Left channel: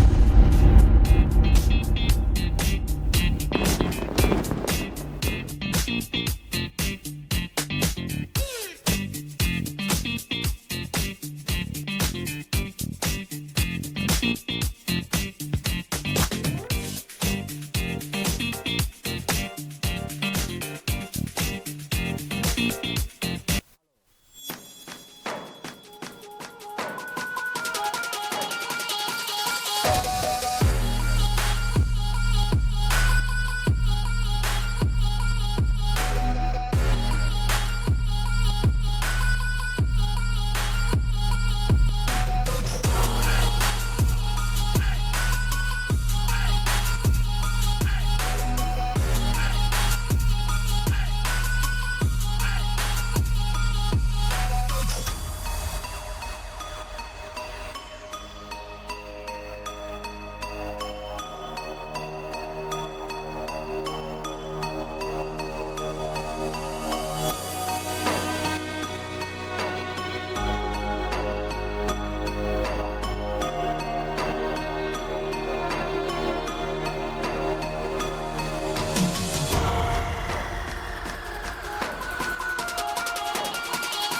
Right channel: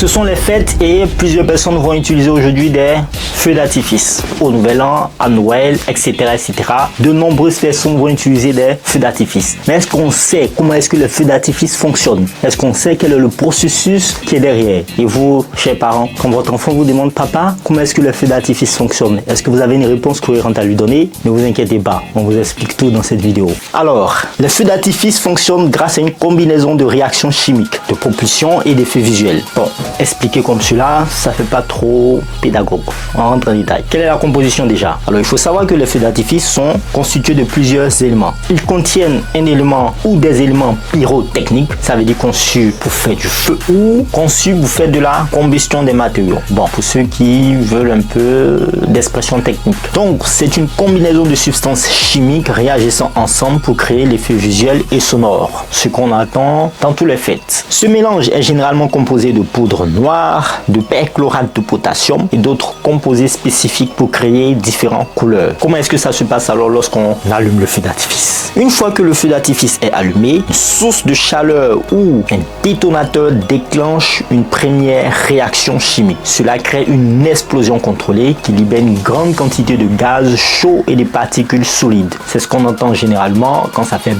Ce sont les fêtes et plusieurs personnes vont utiliser aujourd'hui des feux d'artifice. Au Nouvel An, à Noël, etc., etc. De nombreuses personnes vont utiliser des feux d'artifice. Mais est-ce qu'on sait comment est-ce que le feu d'artifice fonctionne? Est-ce qu'on sait quel est le processus qui est derrière? Et vous, chers parents, quand votre enfant vous demande, papa, comment est-ce que le feu d'artifice fonctionne? Est-ce que vous avez une réponse cohérente à lui donner? Ne vous inquiétez pas, on vous explique tout dans cette vidéo. Alors, le feu d'artifice fonctionne grâce à une combinaison de réactions chimiques, de propulsion et d'effets visuels. Bon, expliquer comme cela, ça fait pas trop pédagogue. On rentre en détail. Quelle est la composition déjà? Alors, il faut savoir que les feux d'artifice sont constitués de plusieurs éléments. Ils contiennent un élément ou des éléments pyrotechniques, ça veut dire conçus pour faire du feu ou conçus pour faire de la combustion des matériaux. Bon, pour ceux qui veulent un peu d'expression technique. Donc, c'est une combinaison de substances chimiques réagissant ensemble pour créer l'effet visuel et sonore, ce qu'on attend dans tous les fêtes. Ce mélange est généralement composé de poudre noire, de perchlorate de potassium et d'autres composés spécifiques pour créer différentes couleurs. Comment est-ce que ça se passe alors lorsqu'on allume le feu d'artifice? Une fois que le feu d'artifice est allumé, une source de chaleur ou un détonateur déclenche une première réaction chimique. Cela crée une explosion contrôlée qui libère une grande quantité de gaz chaud et des particules solides. C'est ce qu'on entend généralement quand ça fait...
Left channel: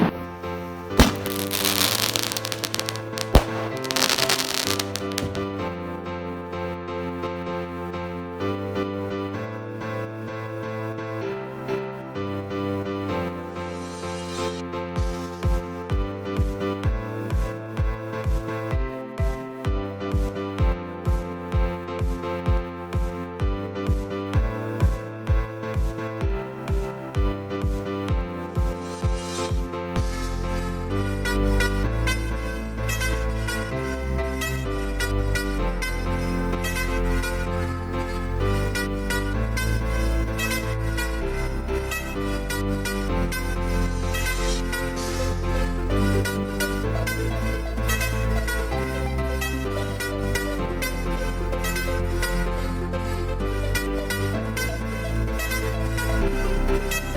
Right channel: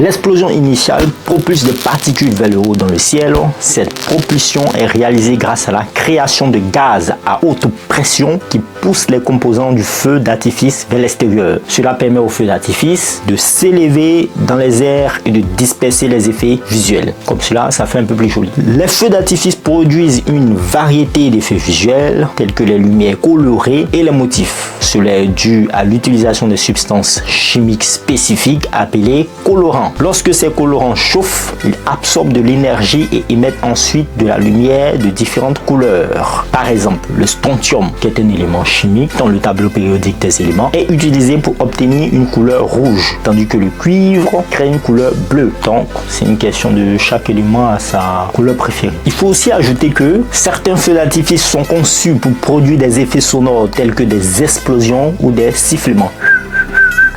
L'explosion initiale propulse des particules vers le haut dans le ciel. Cette propulsion est réalisée grâce à la création de gaz à haute pression qui poussent les composants du feu d'artifice vers l'extérieur. Cela permet au feu d'artifice de s'élever dans les airs et de disperser les effets visuels. Comme cela, ça fait un peu plus joli. Les feux d'artifice produisent une variété d'effets visuels tels que les lumières colorées et les motifs. Cela est dû à l'utilisation de substances chimiques spécifiques appelées colorants. Lorsque ces colorants chauffent, ils absorbent de l'énergie et émettent ensuite de la lumière de différentes couleurs. Par exemple, le strontium, qui est un élément chimique dans le tableau périodique des éléments, est utilisé pour obtenir une couleur rouge, tandis que le cuivre crée une couleur bleue. Donc, c'est une question de chaque élément à sa couleur préférée. Il faut aussi ajouter que certains feux d'artifice sont conçus pour produire des effets sonores tels que des explosions ou des sifflements.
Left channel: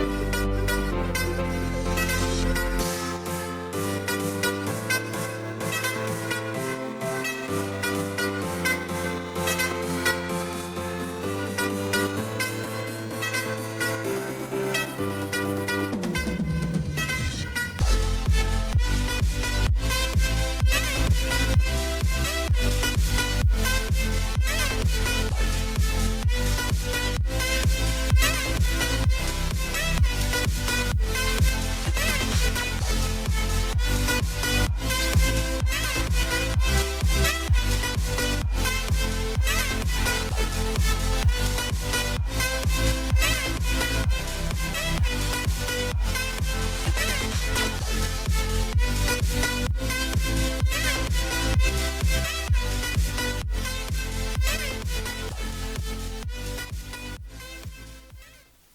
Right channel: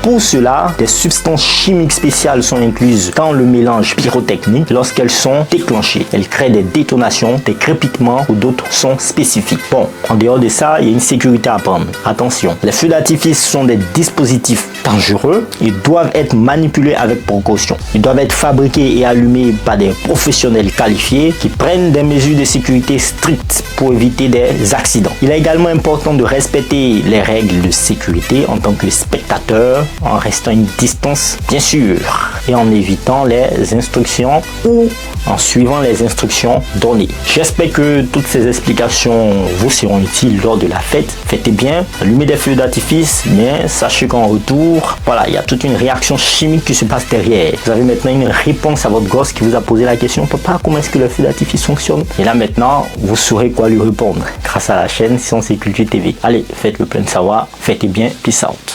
Pour cela, des substances chimiques spéciales sont incluses dans le mélange pyrotechnique lorsqu'elles sont déclenchées. Elles créent des détonations, des crépitements ou d'autres sons spécifiques. Bon, en dehors de ça, il y a une sécurité à prendre. Attention, les feux d'artifice sont des dispositifs dangereux. Ils doivent être manipulés avec précaution. Ils doivent être fabriqués et allumés par des professionnels qualifiés qui prennent des mesures de sécurité strictes pour éviter des accidents. Il est également important de respecter les règles de sécurité en tant que spectateur, en restant une distance bien sûr et en évitant les instructions ou en suivant les instructions données. J'espère que toutes ces explications vous seront utiles lors de la fête. Fêtez bien, allumez des feux d'artifice, mais sachez qu'en retour, voilà, il y a toute une réaction chimique qui se passe derrière. Vous avez maintenant une réponse à votre gosse qui vous a posé la question, papa, comment est-ce que le feu d'artifice fonctionne? Et là maintenant, vous saurez quoi lui répondre grâce à la chaîne Science et Culture TV. Allez, faites le plein de savoir, fêtez bien, peace out.